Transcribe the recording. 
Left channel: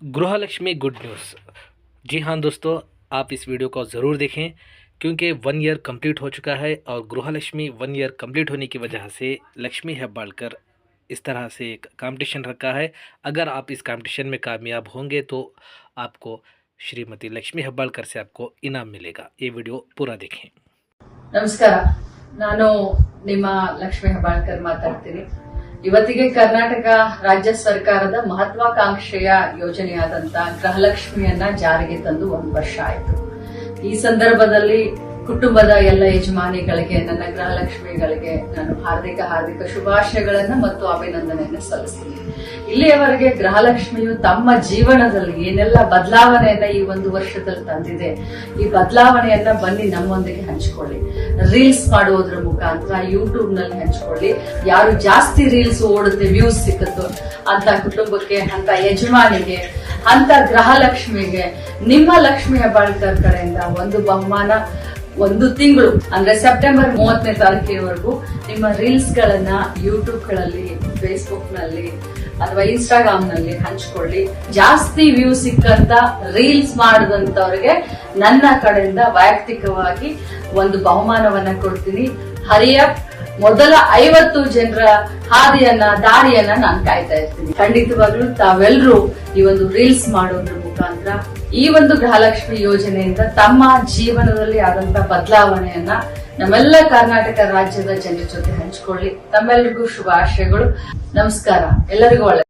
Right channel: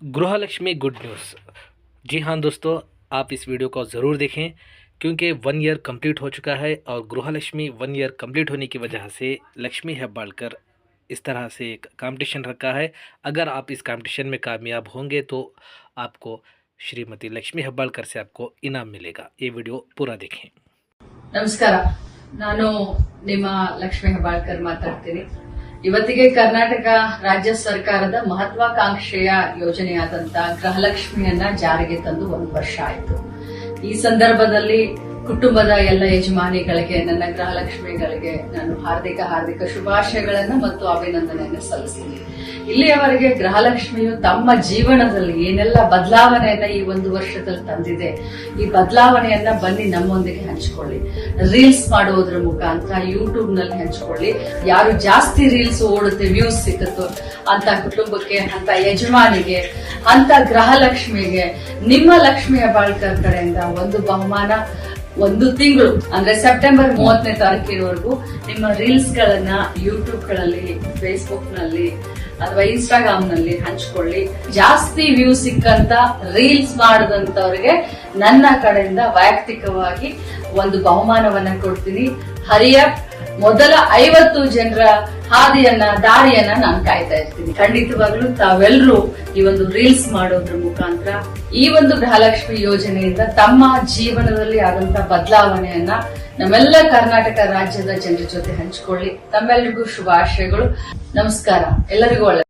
गृहलक्ष्मी good news. जी हाँ दोस्तों, आप इस वीडियो को ज़रूर देखें क्योंकि 1 ईयर कंप्लीट हो चुका है और गृहलक्ष्मी 1 ईयर कंप्लीट होने की वजह से लक्ष्मी हेब्बाळकर इस तरह से एक कंपटीशन रखा है। अगर आप इस कंपटीशन में कामयाब होंगे तो आपको श्रीमती लक्ष्मी हेब्बाळकर से आपको इनाम मिलेगा। ये वीडियो पूरा देखें। ನಮಸ್ಕಾರ, ನಾನು ನಿಮ್ಮ ಲಕ್ಷ್ಮೀ ಹೆಬ್ಬಾಳ್ಕರ್ ಮಾತಾಡ್ತೀನಿ। ಇವತ್ತಿಗೆ ಕರ್ನಾಟಕ ರಾಜ್ಯ ಸರ್ಕಾರದ ಮಹತ್ವಾಕಾಂಕ್ಷೆಯ ಯೋಜನೆಯಾದಂತ ಗೃಹಲಕ್ಷ್ಮಿಯನ್ನ ಜಾರಿಗೆ ತಂದು 1 ವರ್ಷ ಆಯಿತು। ಈ ಸಂದರ್ಭದಲ್ಲಿ ಕುಟುಂಬದ ಎಲ್ಲ ಯಜಮಾನಿಗಳಿಗೆ, ನನ್ನ ಗೃಹಲಕ್ಷ್ಮಿಗಳಿಗೆ ನಾನು ಹಾರ್ದಿಕ ಶುಭಾಶಯಗಳನ್ನ ಮತ್ತು ಅಭಿನಂದನೆಯನ್ನು ಸಲ್ಲಿಸ್ತೀನಿ। ಇಲ್ಲಿಯವರೆಗೆ ಗೃಹಲಕ್ಷ್ಮಿಯು ತಮ್ಮ ಜೀವನದಲ್ಲಿ ಏನೆಲ್ಲ ಬದಲಾವಣೆಯನ್ನ ಈ 1 ವರ್ಷದಲ್ಲಿ ತಂದಿದೆ, ಈ ಬದಲಾವಣೆಯನ್ನ ಬನ್ನಿ ನಮ್ಮೊಂದಿಗೆ ಹಂಚಿಕೊಳ್ಳಿ। ರೀಲ್ಸ್ ಮಾಡೋದ್ರ ಮುಖಾಂತರ ಯೂಟ್ಯೂಬ್ ನಲ್ಲಿ ಹಂಚಿಕೊಳ್ಳಿ। ಯಾರು ಜಾಸ್ತಿ ರೀಲ್ಸ್ ಓಡುತ್ತೆ, ವ್ಯೂಸ್ ಸಿಕ್ಕುತ್ತೋ ಅಂತ ಕುಟುಂಬಕ್ಕೆ, ಅಂತ ಯಜಮಾನಿಗೆ, ಅಂತ ಗೃಹಲಕ್ಷ್ಮಿಗೆ ನಿಮ್ಮ ಲಕ್ಷ್ಮೀ ಹೆಬ್ಬಾಳ್ಕರ್ ಕಡೆಯಿಂದ ಒಂದು ಬಹುಮಾನ 1 ತಿಂಗಳು ಅಂದ್ರೆ ಸೆಪ್ಟೆಂಬರ್ 30ನೇ ತಾರೀಕಿನವರೆಗೂ ನಿಮ್ಮ ರೀಲ್ಸ್ ಗಳನ್ನ ಯೂಟ್ಯೂಬ್ ಗಳಲ್ಲಿ, ಫೇಸ್ಬುಕ್ ನಲ್ಲಿ ಅಥವಾ ಇನ್ಸ್ಟಾಗ್ರಾಮ್ ನಲ್ಲಿ ಹಂಚಿಕೊಳ್ಳಿ। ಜಾಸ್ತಿ ವ್ಯೂ ಸಿಕ್ಕಂತ ರೀಲ್ಸ್ ಮಾಡಿದಂತವರಿಗೆ ನನ್ನ ಕಡೆಯಿಂದ ವೈಯಕ್ತಿಕವಾಗಿ ಒಂದು ಬಹುಮಾನವನ್ನ ಕೊಡ್ತೀನಿ। ಹರಿಯಪ್ ಮೊದಲ 50 ಜನರ ದಾರಿಯನ್ನ ನಾನು ಕಾಯ್ತಾ ಇರ್ತೀನಿ। ಖಂಡಿತವಾಗ್ಲೂ ತಾವೆಲ್ಲರೂ ಈ ಒಂದು ರೀಲ್ಸ್ ಮಾಡೋದ್ರ ಮುಖಾಂತರ ಈ ಒಂದು ಗೃಹಲಕ್ಷ್ಮಿ ಯೋಜನೆಯಿಂದ ತಮ್ಮ ಜೀವನದಲ್ಲಿ ಆದಂತ ಬದಲಾವಣೆಯನ್ನ ನಮ್ಮೆಲ್ಲ ಕರ್ನಾಟಕ ರಾಜ್ಯದ ಜನರ ಜೊತೆ ಹಂಚಿಕೊಳ್ಳಿ। ತಮ್ಮೆಲ್ಲರಿಗೂ ಶುಭಾಶಯಗಳು। ನಮಸ್ಕಾರ, ಎಲ್ಲರಿಗೂ ಒಳ್ಳೆ